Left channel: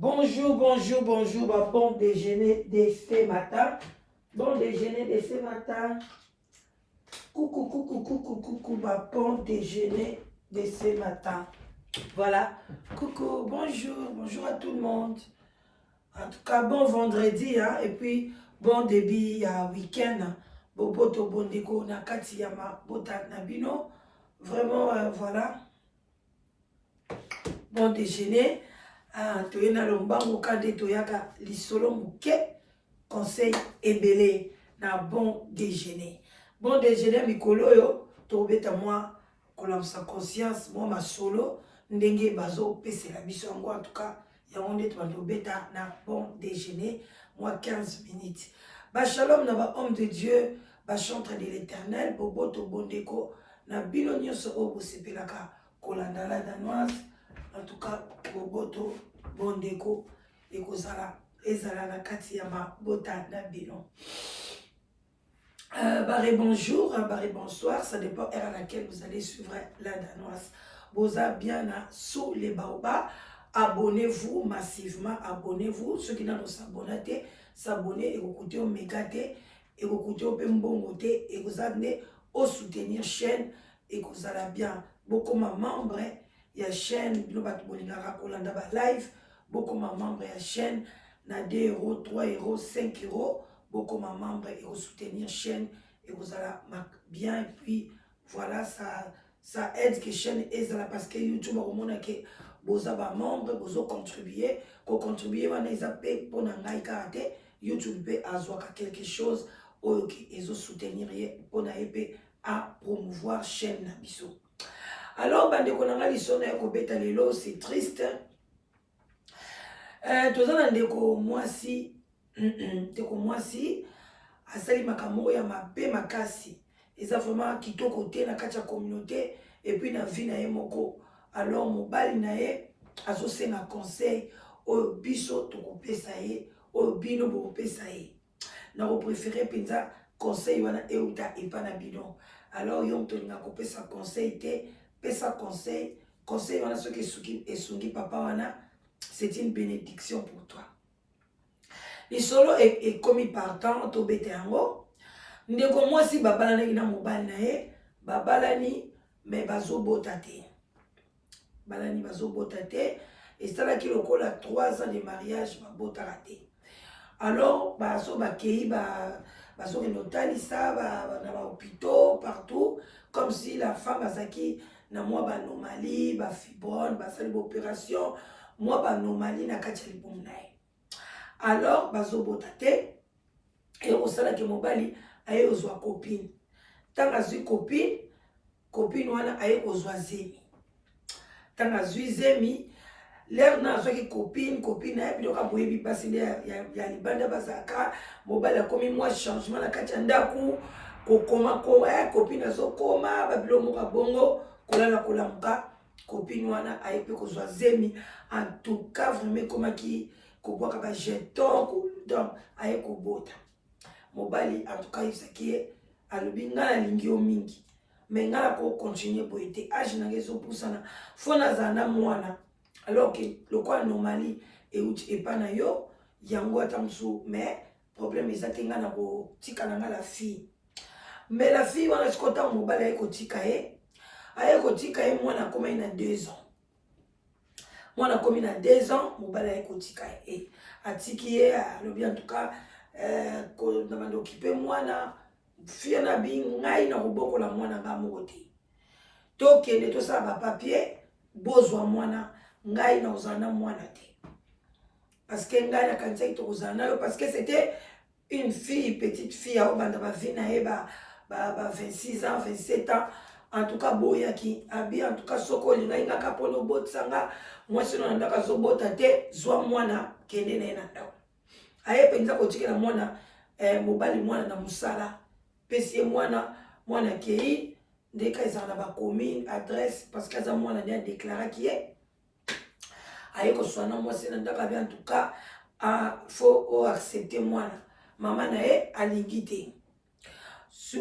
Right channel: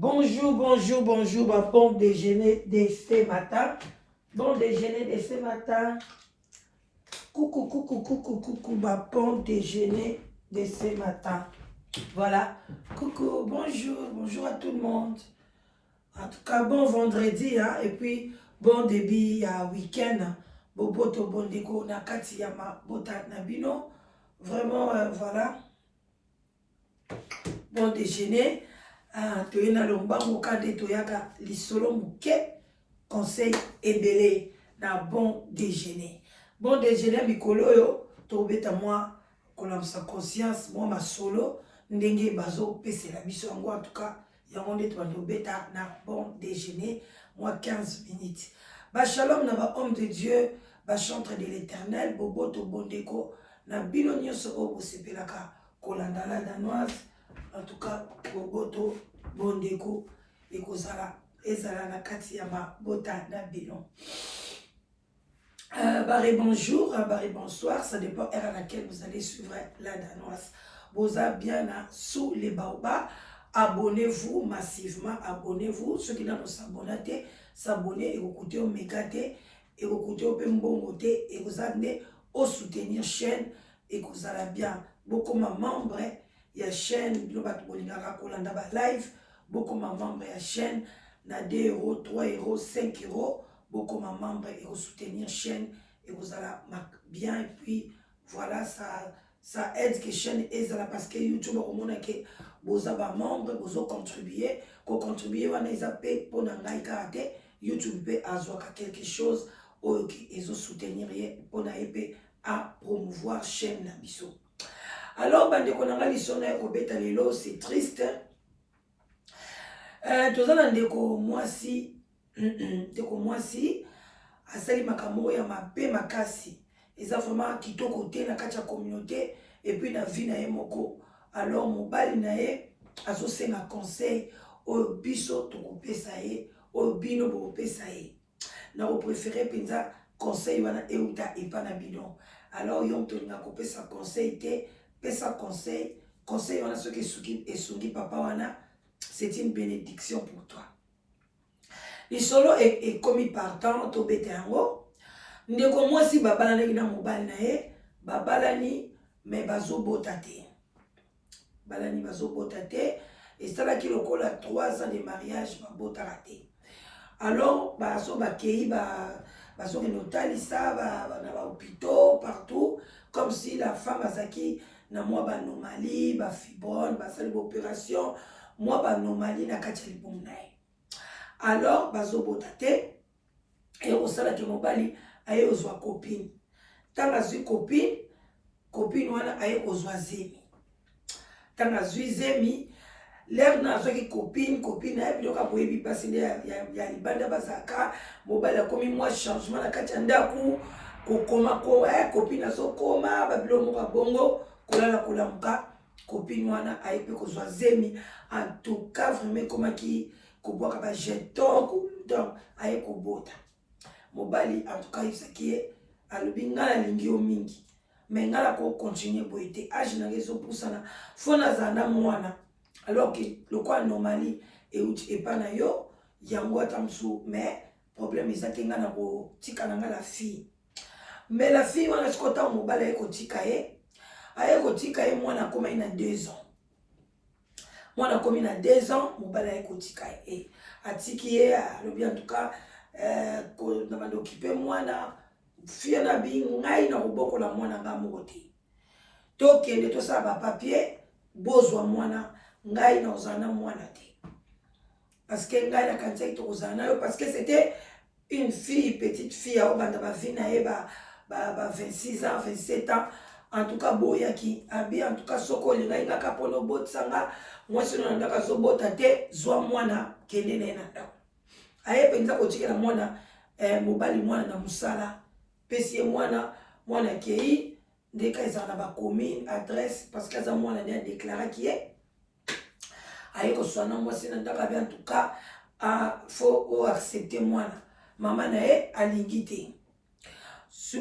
Bonjour, bonjour, bonjour, ma bon déjeuner de ce matin. Bon déjeuner de ce matin. Coucou, coucou, coucou, coucou, ma bon déjeuner de ce matin. Voilà. Coucou, bonjour, bonjour à tout le monde. En tout cas, bon vendredi, hein, et puis bon début à week-end. Boboto, bon déco, nakati yama, bota nabino. Vraiment, voilà. Bon déjeuner. Toyena lomba mokande toyaka lisolo muke conseil ebele na bon déjeuner. Bon déjeuner mikolo yo tobeta moi kolamsa conscience moi masolo ndenge bazo pesela biso yango en tout cas yango nde tobeta na bon déjeuner moi 15 minutes. Ba shalom na ba homme de Dieu, ba chantre de l'Éternel, boboto bondeko na bino nyonso o bosepelaka kolanda la danoise. En tout cas, boboto bondeko ekozala ezala na kati ya mabota na bino. Barré bonjour, barré bonsoir, ça dépend heure à laquelle vous allez suivre la danoise. Boza bien sous les baobas. Abonnez-vous massivement, abonnez-vous. Ceux qui n'ont pas s'abonné, s'abonner et vous au Megate et vous écoutez au Pembongote et vous allez au soutenir chaîne et vous allez bien. Beaucoup de membres. Il y a chaîne, live, beaucoup de membres il y a chaîne, na 2 €, 3 €, 5 €, beaucoup de membres et vous soutenir chaîne et vous allez bien et puis voilà ça aide que chaîne est là parce que YouTube au monde que vous avez membres vous contribuer on a payé pour n'engager karaté YouTube peut avoir quelque chose ou ils ont soutenir pour n'aider à promouvoir chaîne na biso. Alors, bandeko nanga lisona ya kobeta lelo, c'est triste. Tozana ndeko mwasi, asali makambo ya mabe makasi. Eza vraiment kitoko te na kati ya communauté et puis na vie na ye moko. Alors mobali na ye azosenga conseil oyo biso tokopesa ye, oyo bino bokopesa ye. Na préféré penza conseil wana euta epa na bidon. Alors yo tolinga kopesa conseil te. Pesa conseil wana soki esungi papa wana, c'est une bénédiction pour toi. Les solo est commis partant to bete yango. Ndeko mwasi babalani na mobali na ye, babalani mais bazo botate. Balani bazo botate et ça là qui lokola 3 ans de mariage ba botarate. Alors bazo bakei bazo notalisa na ba hôpitaux partout comme si la femme azaki na moi banomalie, ba fibrone, ba sali opération, moi banomalie na kati ya libumu na ye. Alors bazo botate et osala ke mobali aye ozwa copine. Tanga zwi copine wana aye ozwa zemi. Tanga zwi zemi l'air na zwi copine aye biloka boyebi pasi ya libanda bazaka mobali akomi moi changement na kati ya ndaku kokoma ko copine azokoma babilo moko bongo kolala kolamuka copine wana ayepe kozwa zemi en tout cas vraiment komaki kobwaka ba jeton donc aye kobota mobali en tout cas yebisaki alobi nga nalingi yo mingi mais nga na ko continuer boye te age na ngezo pusana fo nazala na mwana alors que lokola anomalie euti epa na yo yango ata mosusu mais problème eza te nga na kotika na nga la fille mais la fille wana sikota mobali aye kotika ye aye kotika ye mwana akomai na 2 ans. Mwana akomi na 2 ans, mobali aye kotika ye. Atiki ye alobi en tout cas na bando okipe mwana fille na bi ngai na kobokola mwana nga moko te. Tokende tosala ba papier bozwa mwana ngai na ozala na mwana te. Parce que ngai na kanisa tokozala na yo parce que c'était une fille, petite fille au banda ba vie na ye ba 26 ans, 27 ans. En tout cas boyaki abi en tout cas soko linga inga kapono botsanga mwasi no ndaka zo botate zwa mwana kende na ena ndawo aye penza kotikela mwana mobali mwana na musala pesi mwana kei ndeka ezala na ba commune adresse parce que za mwana ne déclarer qui est aye ko swana mwasi na ndaka bi en tout cas faut accepter mwana mama na ye alingi te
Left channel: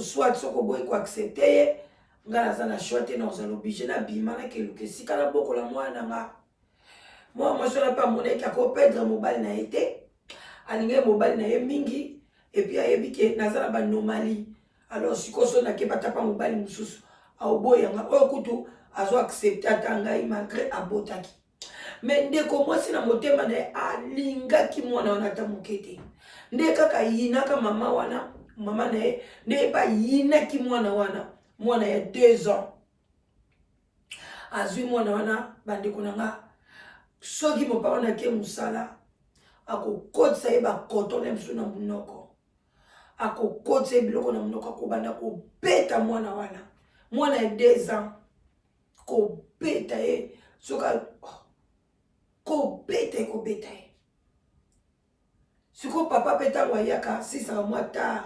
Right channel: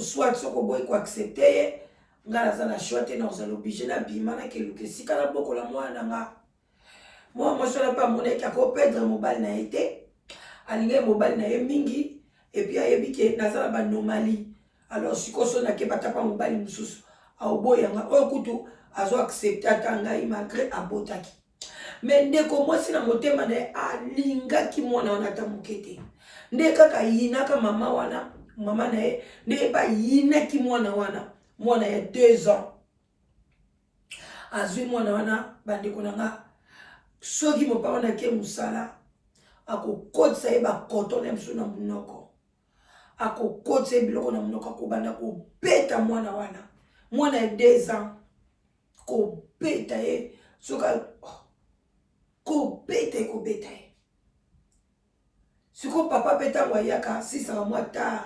soit soko boy ko accepter ye nga naza na choix te na ozala obligé na bima na keluka esika na bokola mwana nga moi je ne pas mon qui a perdre mobile na été alinge mobile na ye mingi et puis ayebi ke nazala ba normali alors sikoso na ke batapa mobile mususu aoboyanga oyo kutu azo accepter atanga malgré abotaki mais ndeko mwasi na motema na alingaki mwana wana ta mokete nde kaka yinaka mama wana mama na ye nde ba yinaki mwana wana mwana ya 2 ans azwi mwana wana bandeko nanga soki mopapa wana ke musala akokotisa ye bakoto na biso na munoko akokotisa ye biloko na munoko akobanda kobeta mwana wana mwana ya 2 ans kobeta ye soka kobeta ye siko papa pe ntango ayaka 6 mois tard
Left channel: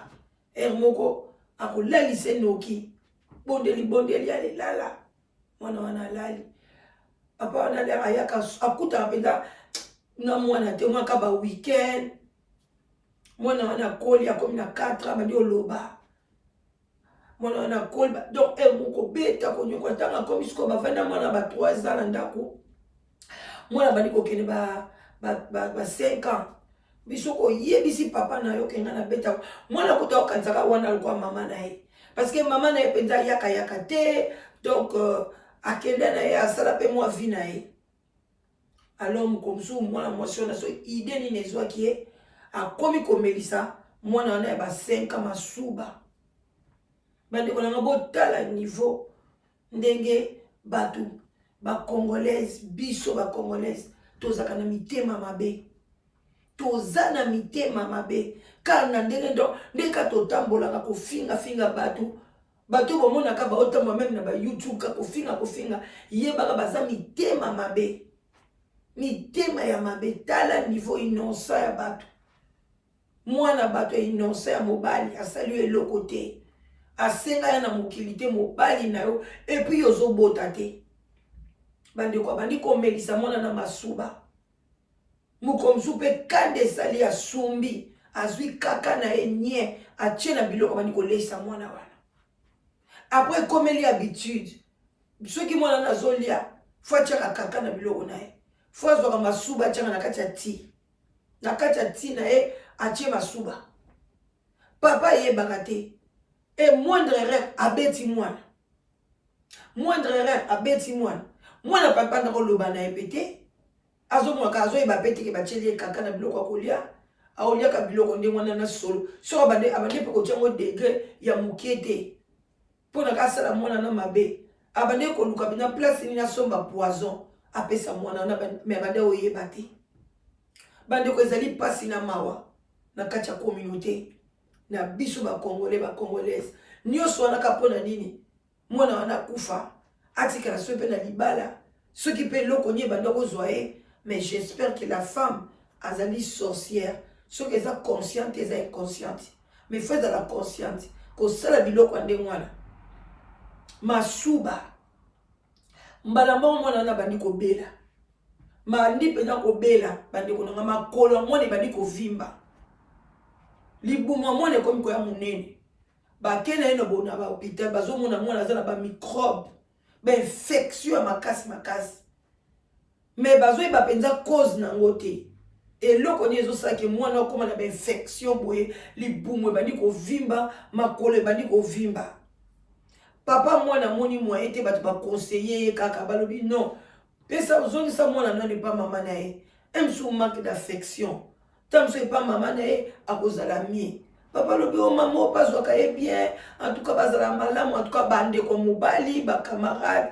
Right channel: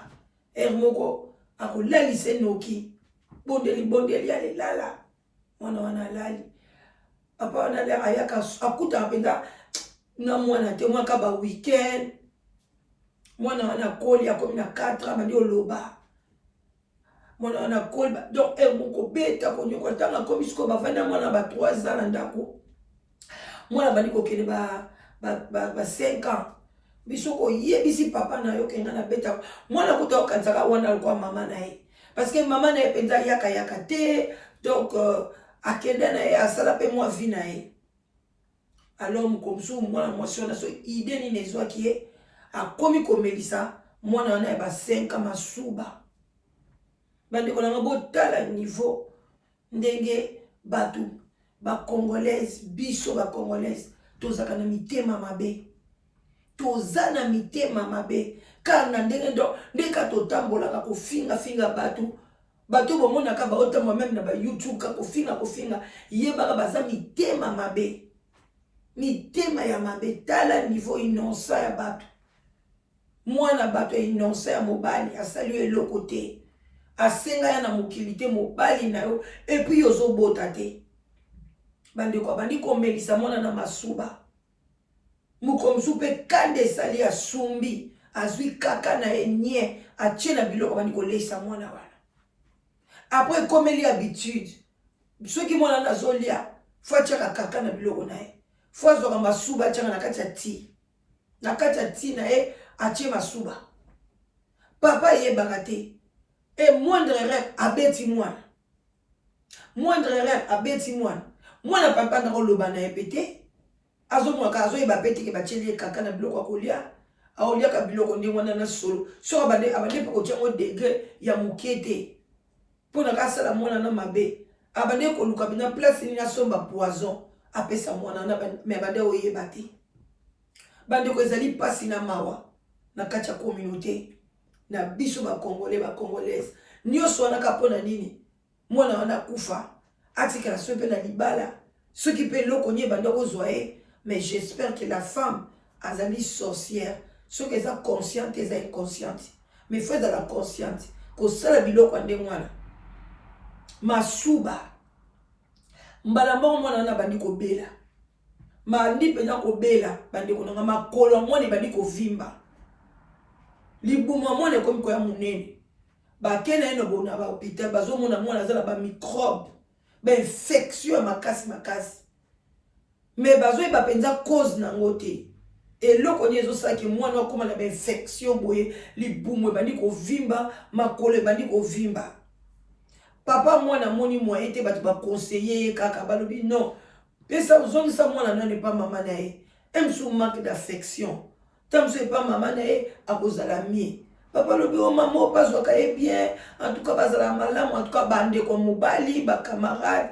ere moko akolalisa enoki bondeli alelala mwana wana alali papa wana ayaka akutaka mpenza na mwana te mwaka ba weekend mwana wana akoli akomi na 4 ans bandi oloba mwana wana akoli donc ere moko beta konyokola ntango akomi siko bavanda mwana ba 3 ans na ndako mwana bandi kokende ba 5 ans biso koyebisi papa na yo kenga na beta mwana kuta okanzaka wana alikuwa mama na ye parce que mama na ye penza yaka te donc akenda na ye asala pe mwa vi na ye alors mokomsu mwana mwasi wana so ide nini ezwaki ye akomi komelisa mwana wana ya ba 5 ans masuba bandeko nanga botala niveau ndenge batu bacongolaise biso bacongolaise tozaka na mitema mabe toza na mitema mabe kaka na ndenge ndeka totambolaka kofinga bato bomonaka baotambola meme na ba YouTube ka kofinga yebaka baza mitema mabe mitema ya mabe tala niveau innocent ya bato mwana bato ya innocent ya mobali asali eloko te asenga ya na mokili te mobali na yo epuis ozobota te bandeko abandi komelisa mwana na masuba mokomsu mpe kande esali asumbi azwi kaka na ye nie atie na biloko bandi kolesa mwana wana apres ekomeli habitude soki mwana wana azolia fo atiaka kaka na biloko na ye fo azwaka masuba atiaka na kati ya ti na ye atie masuba papa yebaka te e moindre erreur abeti mwana papa nakoloba na ye pete azomwaka azoyeba pete ke batieli ye kaka na biloko akolia aoliaka biloko ndenge wana na solo soko abande mpe kotiango degre ya moke te mpo na kasala mwana na mabe abande koluka mpenza place nini asomba poison apesa mwana wana me abande oyeba te bandeko ezali mpasi na mawa na kati ya communauté na biso bacongolais bacongolaise nyonso wana ka mpo na nini mwana wana kufa atikala so mpe na libala soki mpe eloko nie bande kozwa ye mais j'espère que la femme azali sorcière soki eza consciente eza inconsciente mais faut ezala consciente kosala biloko ya ndenge wana masuba mbala moko mwana wana bandi kobela mandi mpenza kobela bandeko nanga makolo ya mwana ebandi kovimba libumu ya mwana ekomi koya monene bakena ye na bahôpital bazomona mwana aza na bamicrobe bainfection ya makasi mais bazoyeba mpenza cause nango te eloko nini ezosalaki mwana okóma na bainfection boye libumu ebandi kovimba makolo ebandi kovimba papa mwana moni moyen te bato baconseiller ye kaka balobi non pesa ozongisa mwana nani epa mama na ye emsu manque d'affection tamso epa mama na ye akozala mie papa lobi o mama o bazwaka ye bien en tout cas bazala malamu en tout cas bandeko mobali bacamarade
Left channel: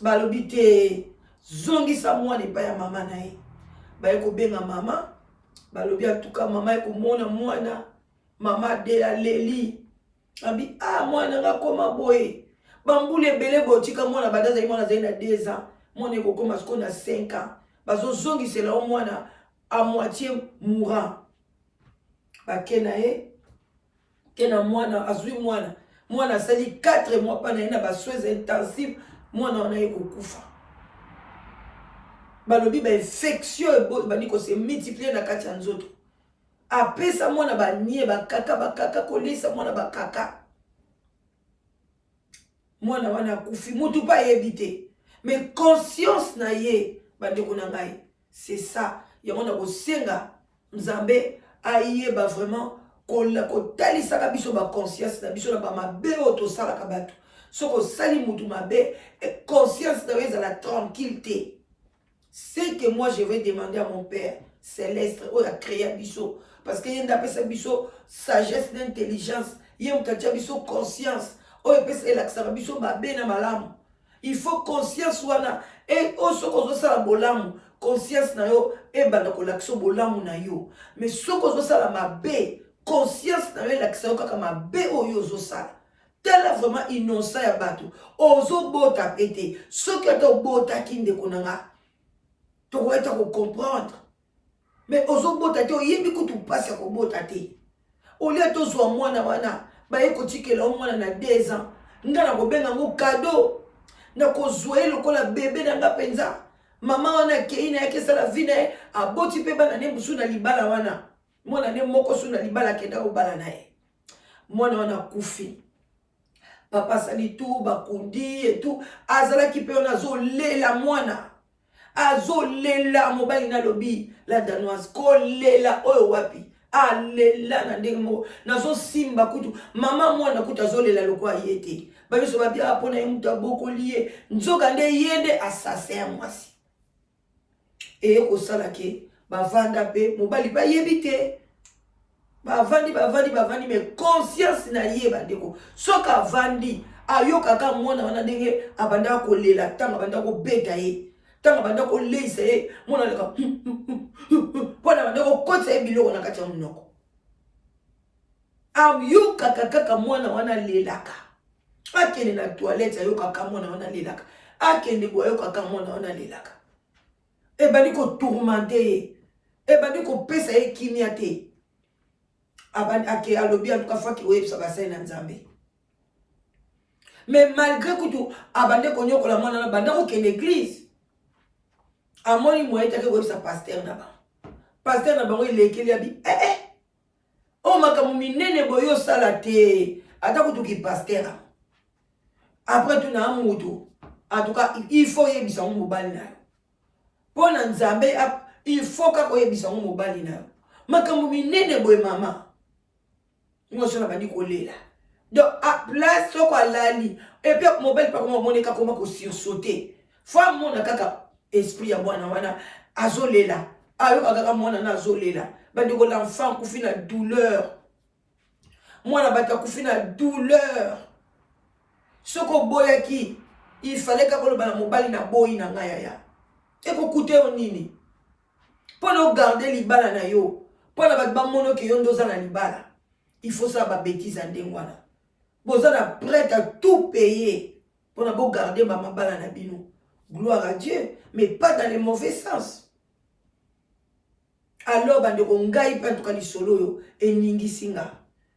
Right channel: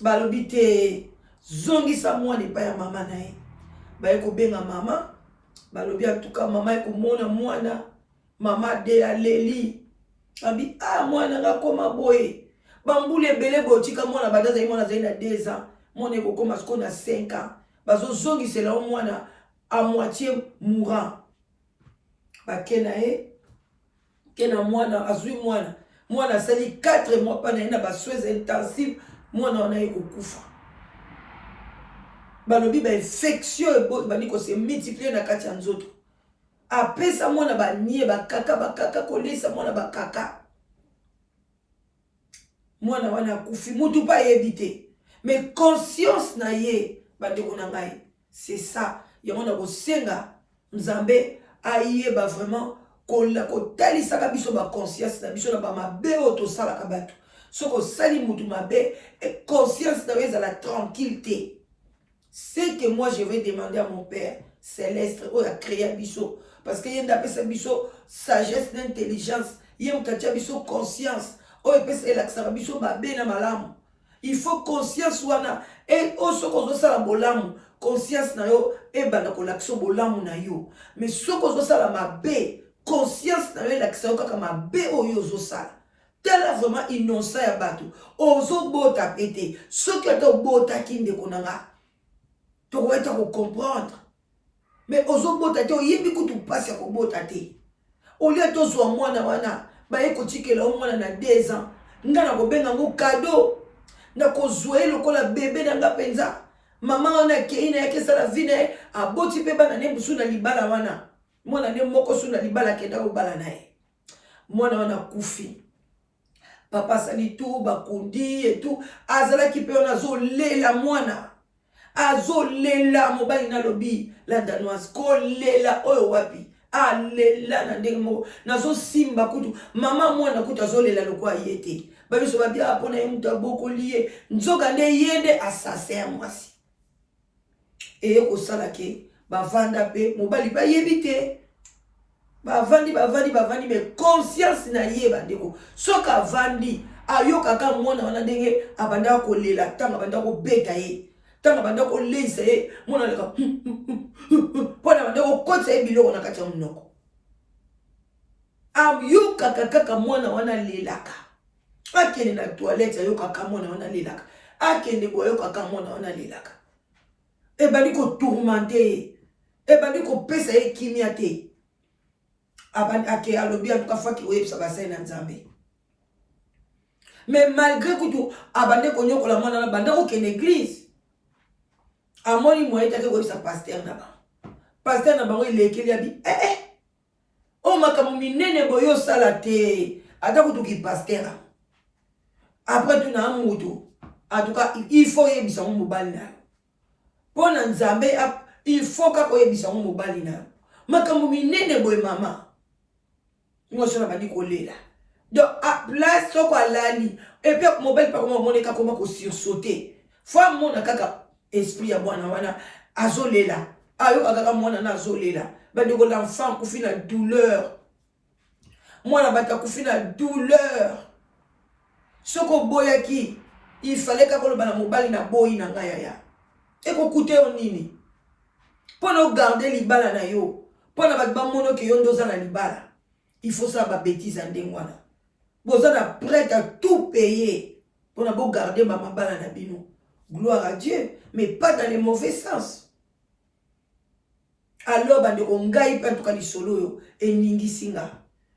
balobi te zongisa mwana epa ya mama na ye baye kobenga mama balobi en tout cas mama ekomona mwana mama de aleli abi mwana nga koma boye bambula ebele botika mwana bada azali mwana azali na 2 ans mwana ekokoma siko na 5 ans bazozongisela o mwana a moitié mourant bakena ye kena mwana azwi mwana asali 4 mois pa na ye na basoins intensive mwana wana ye kokufa balobi bainfection bandi kose multiplier na kati ya nzoto apesa mwana banie bakaka kolisa mwana bakaka mwana wana akufi mutu pa yebi te mais conscience na ye bandeko na ngai c'est ça. Il y a un senga Nzambe ayeba vraiment ko talisa ka biso ba conscience na biso na ba mabe oto sala ka bato. Soko sali mutu mabe et conscience na weza la tranquillité. C'est que moi je vais demander à mon Père céleste ou a créé biso parce que yenda pesa biso sagesse d'intelligence, yenda biso conscience. O pesa elaksara biso ba be na malamu. Il faut conscience wana et o soko zo sala bolamu. Conscience na yo e bana ko lakso bolamu na yo. Mais soko zo sala mabe, conscience na yo lakso kaka mabe o yo zo sala. Tela vraiment innocent ya bato. Ozo bota pété. Ce que to bota kinde konanga. Tu vas comprendre. Mais ozo bota te yebi kutu passe ko bota te. Au lieu to zo mwana wana, ba ye ko tikela mwana na 2 ans. Ngana ko benga ngo cadeau. Na ko zoe lokola bébé nanga penza. Mama wana keina yake sala vine aboti pe bana ne musu na libala wana. Mwana ne moko su na libala kenda ko bala nae. Mwana wana kufi. Papa sali tout bakundi et tout azala ki pe ona zo lela mwana. Azo lela mobali na lobi la danoise ko lela oyo wapi. A lela na ndenge mo nazo simba kutu mama mwana kutu azo lela lokwa yete. Ba biso ba bia apona ye mutu aboko liye nzoka nde yende assassin mwasi. Et ko sala ke ba vanda pe mobali ba yebite. Bavandi mais conscience na yeba ndeko soka vandi ayoka ka mwana wana ndenge abanda ko lela tanga abanda ko beta ye tanga abanda ko leisa ye mwana leka pona abanda ko kotsa ye biloko na kati ya munoko ayoka kaka mwana wana lelaka akende na toilette ayoka ka mwana wana lelaka akende ko ayoka ka mwana wana lelaka e bandi ko tourmenter e bandi ko pesa ye kimia te ake alobi en tout cas fois ki oye sa bassin na Nzambe. Mais malgré que abande ko nyokola mwana na banda ko ke l'église. Amoni moye take ko sa pasteur na ba. Pasteur na bango ilekeli abi o makamu minene boyo sala te ata ko ki pasteur. Après tu na amuto en tout cas il faut yebisa mo mobali na. Pona Nzambe il faut ka ko yebisa mo mobali na. Makamu minene boye mama. Moi je n'ai pas dit donc à place so quoi lali et puis mobile par comment moneka comment ko sursauter fois mon kaka esprit ya bwana wana azolela ayo kaka mwana na azolela ba de l'enfant ku fina douleur mwana bata ku fina douleur soko boyaki il fallait ka ko bana mobile na boyi na ngaya ya e ko coûter onini pour nous garder libala na yo pour na ba mono ke yo ndoza na libala. Il faut ça ba bêtise en dengwana. Vous êtes prêt à tout payer pour ne garder ma mabala na bino. Gloire à Dieu, mais pas dans le mauvais sens. Alors bande ko ngai pa tuka lisolo yo e ningi singa.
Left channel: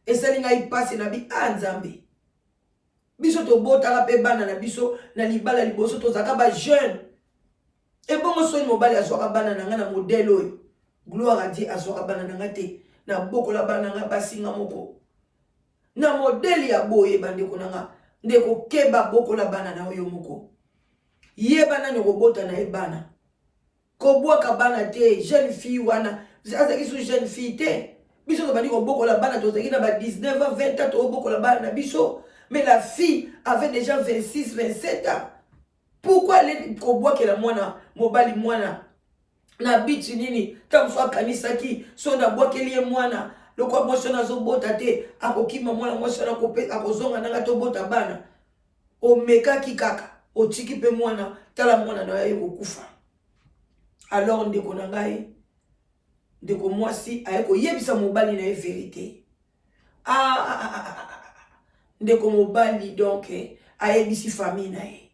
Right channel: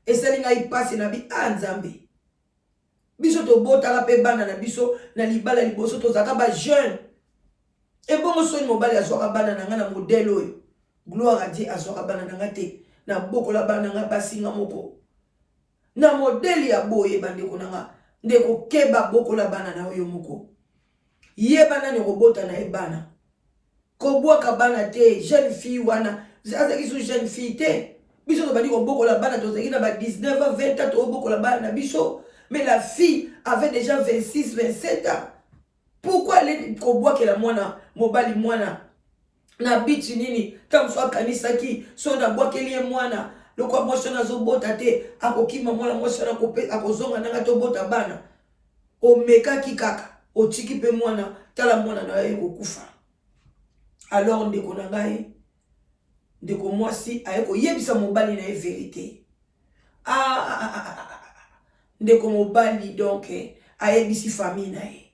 Et ça ngai passe na bi Nzambe. Biso to bota pe bana na biso na libala liboso to zaka ba jeune. Et bongo so ni mobali azoka bana na ngana modèle oyo. Gloire à Dieu azoka bana na ngate. Na boko la bana nga basinga moko na modeli ya boye bandeko nanga ndeko keba boko la bana na oyo moko yeba na robota na ebana ko bwaka bana te jeune fille wana azaki su jeune fille te biso to bandi ko boko la bana to zaki na ba 19 ans 20 ans to boko la bana na biso mais la fille avait déjà 26 27 ans pourquoi elle ko bwaka la mwana mobali mwana na biti nini tamso kanisa ki so na bwakeli mwana lokwa moshana zo bota te akokima mwana moshana kope akozonga nanga to bota bana o meka ki kaka o tiki pe mwana tala mwana na ye kokufa alors ndeko na ngai ndeko mwasi ayeko yebisa mobali na ye vérité ndeko mobali donc ayebisi famille na ye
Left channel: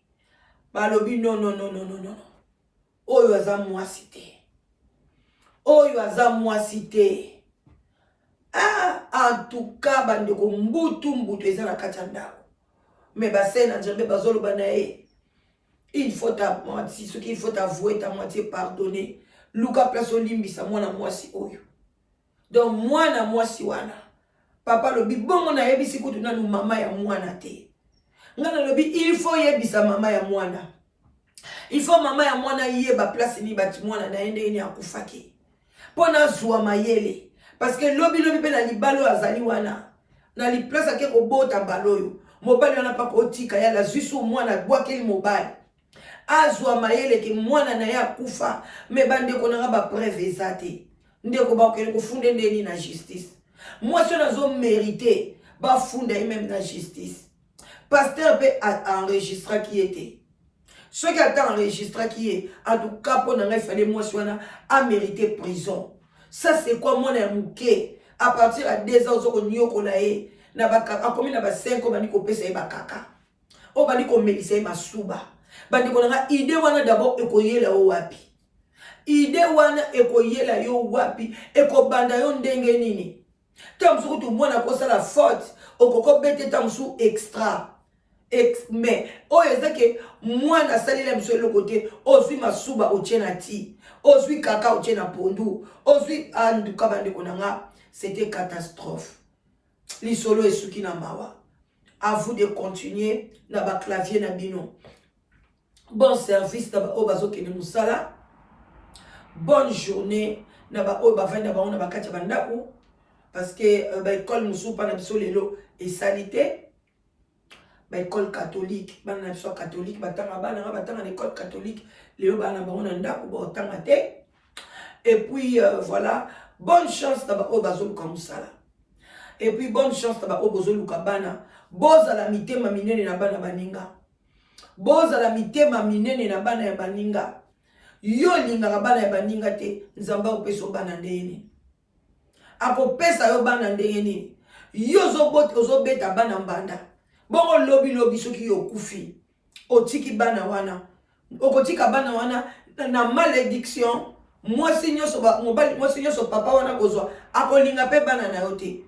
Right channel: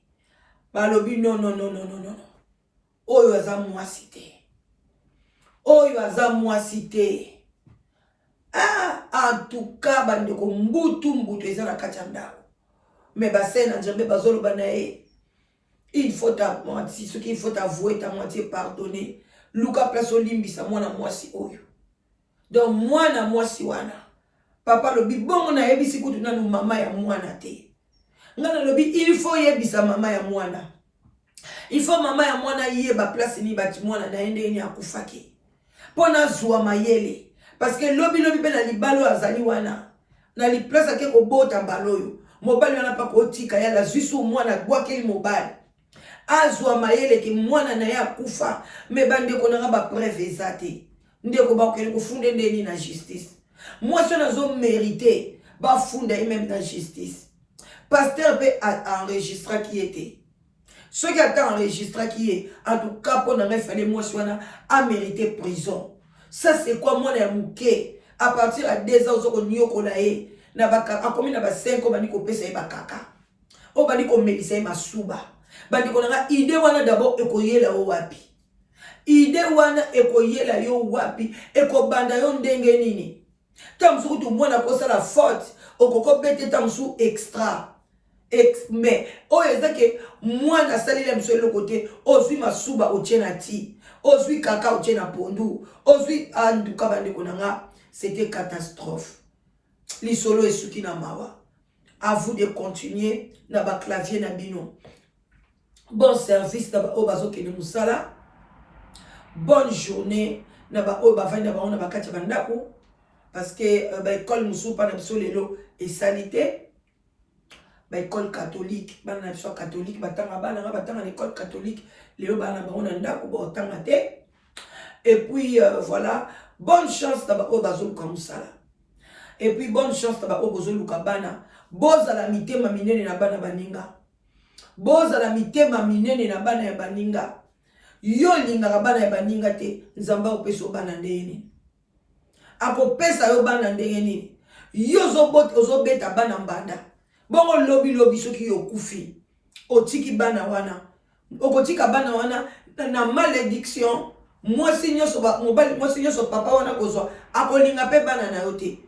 balobi non oyo aza mwasi te oyo aza mwasi te en tout cas bandeko mbutu eza na kati ya ndako mais bassin na Nzambe bazoloba na ye il faut ta moitié ce qu'il faut avouer ta moitié pardonner luka place olimbisa mwana mwasi oyo donc mwana mwasi wana papa lobi bongo na yebisi kutu nanu mama ya mwana te ngana lobi il faut yebisa mama ya mwana Il faut maman ya mwana yeba place ni bati mwana na ende ni akufaki. Pona zuwa mayele. Parce que lobi pe na libalo azali wana. Na li place ake ko bota mbaloyo. Mobali wana pa ko tika ya la zusu mwana gwa keli mobali. Azwa mayele ke mwana na ya kufa. Me bande ko na ba preuve ezate. Ndeko ba ko funde ndeni na justice. Moi so nazo mérité ba funda même na justice. Pasteur peut enregistrer qui était. Ceux qui attendent enregistrer qui est, en tout cas, pour n'en faire moi, a mérité prison. Ça, c'est quoi, mon amouké? À partir de 2 ans, on y a collaé. Na bakaka, comme il y a 5 ans, on a coupé bakaka. On va dire qu'on met ça, ma souba. Bandi qu'on a idée, on a d'abord écoyé la wapi. Idée, on a écoyé la yo wapi. Eko banda yon denge nini. Tamsou, tout le monde a causé la faute. Au coco bête, tamsou extra. Mais oh ezake moi na sali la monsieur le côté ozui masuba otiena ti ozui kaka otiena pondu ozui andu kabande konanga c'était catastrophe li solo esuki na mawa à vous de continuer na ba clavier na bino bon service na ba obazo kene musala bonne journée na ba oba vanda ba ona ba katia bandako parce que ba école musupa na biso lelo et salité ba école catholique bana biso catholique batanga bana batanga l'école catholique leo bana ba ona ndako ba otanga te et puis voilà bonne chance na ba obazo comme ça et puis bonne chance na ba obazo luka bana boza la mitema minene na bana baninga boza la mitema minene na bana ya baninga yo linga bana ya baninga te nzamba opeso bana ndeni akopesa yo bana ndeni yo zobeta bana mbanda bongo lobi soki yo kufi otiki bana wana okotika bana wana na malédiction mwasi nyoso papa wana kozwa akolinga pe bana na yote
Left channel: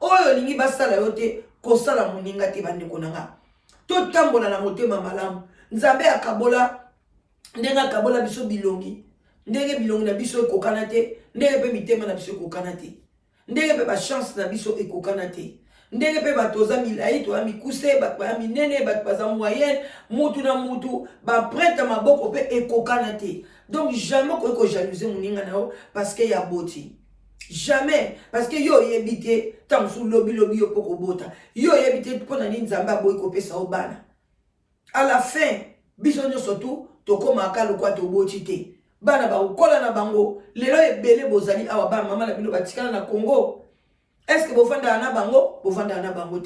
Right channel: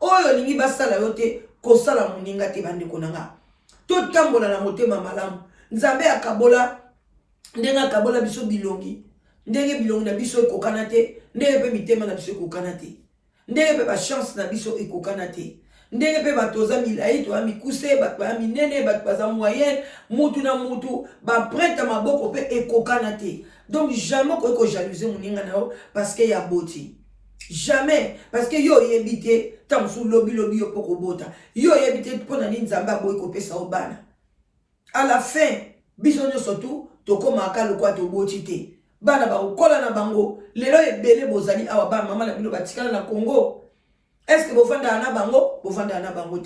oyo lingi basala yote kosala moninga te bande konanga to tambola na motema malamu nzambe akabola ndenga akabola biso bilongi ndenge bilongi na biso ekokana te ndenge pe mitema na biso ekokana te ndenge pe ba chance na biso ekokana te ndenge pe batoza milai to amikuse batwa minene batwa moyenne mutu na mutu ba prête maboko pe ekokana te donc jamais ko jalouser moninga nao parce que ya boti jamais parce que yo yebité tamsu lobi yo poko bota yo yebité pona ni nzamba boy ko pesa obana à la fin biso nyo surtout to koma ka lokwa to boti te bana ba ukola na bango lelo ebele bozali awa ba mama na bino batikana na Congo. Est-ce que vous faites un bango? Vous faites un bango.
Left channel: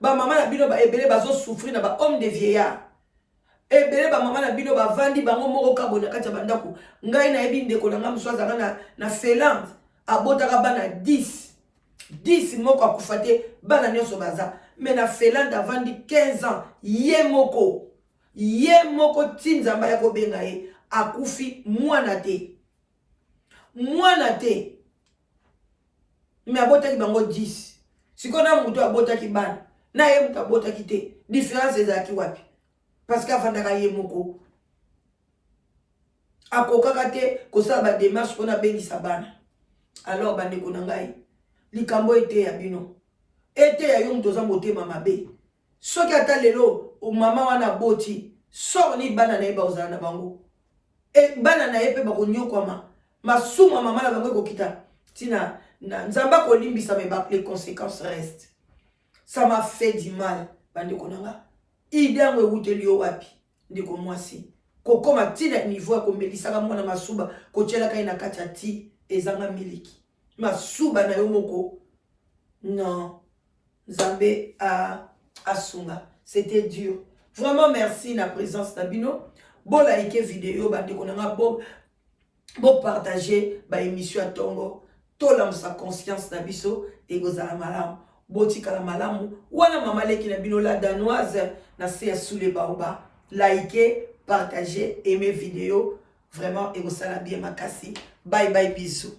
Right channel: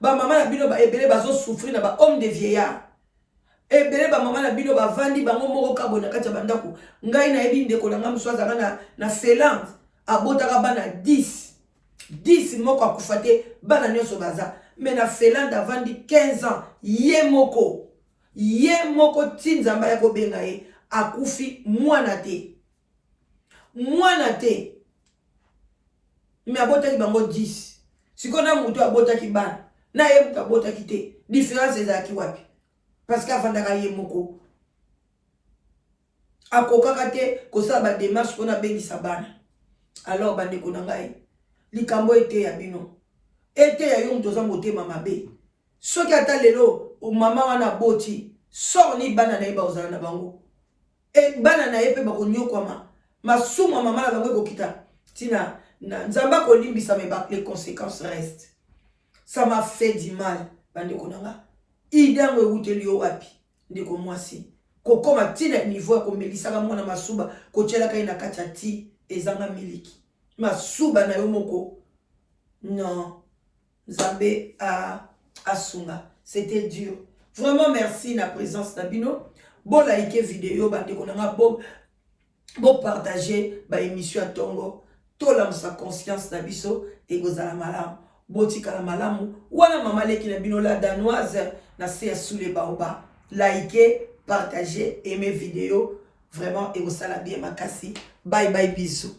Ba maman na bino ba ebele bazo souffrir na ba homme de vieillard. Ebele ba maman na bino ba vandi bango moko kabona kati bandako. Ngai na ebi ndeko na ngam swazanga na Finlande abotaka bana 10 moko akufate bana nyoso baza. Mais na Finlande avandi 15 ans ye moko tinzamba ya ko benga ye akufi mwana te. Mais abotaki bango 10. Si qu'on a mutu abotaki ban, na ye mutu abotaki te. Différence ezaki wapi? Parce qu'avandaka ye moko. Akokaka te kosala ba démarche pona bengisa bana. Alors bande konangai. Likambo ete ya bino. Ete ya yo mutu za motema mabe. Soki ata lelo o mama wana boti, sort ni bana na ye ba ozala na bango. E bana na ye pe ba konyokwama. Masuma mama na bango kokita. Tina nzamba kolimbisa me ba les conséquences restent. Ça m'a fait du mal bande konanga. Idangwe wuteli yo wapi ndiko mwasi. Kokoma tina niveau ko melisaka mwana masuba ko tshela kai na katati ezanga miliki. Masuba na yo moko. Non. Nzambe a sunga. C'était dur. Vraiment merci na présence na bino. Bon like vidéo bande konanga bon partager ba émission à Tongo. Tolam sa conscience na biso et gozala malamu botika la malamu wana mama leki na bino la danoise na se sous les baoba likez partagez aimez vidéo vraiment et gozala bien makasi bye bye bisous.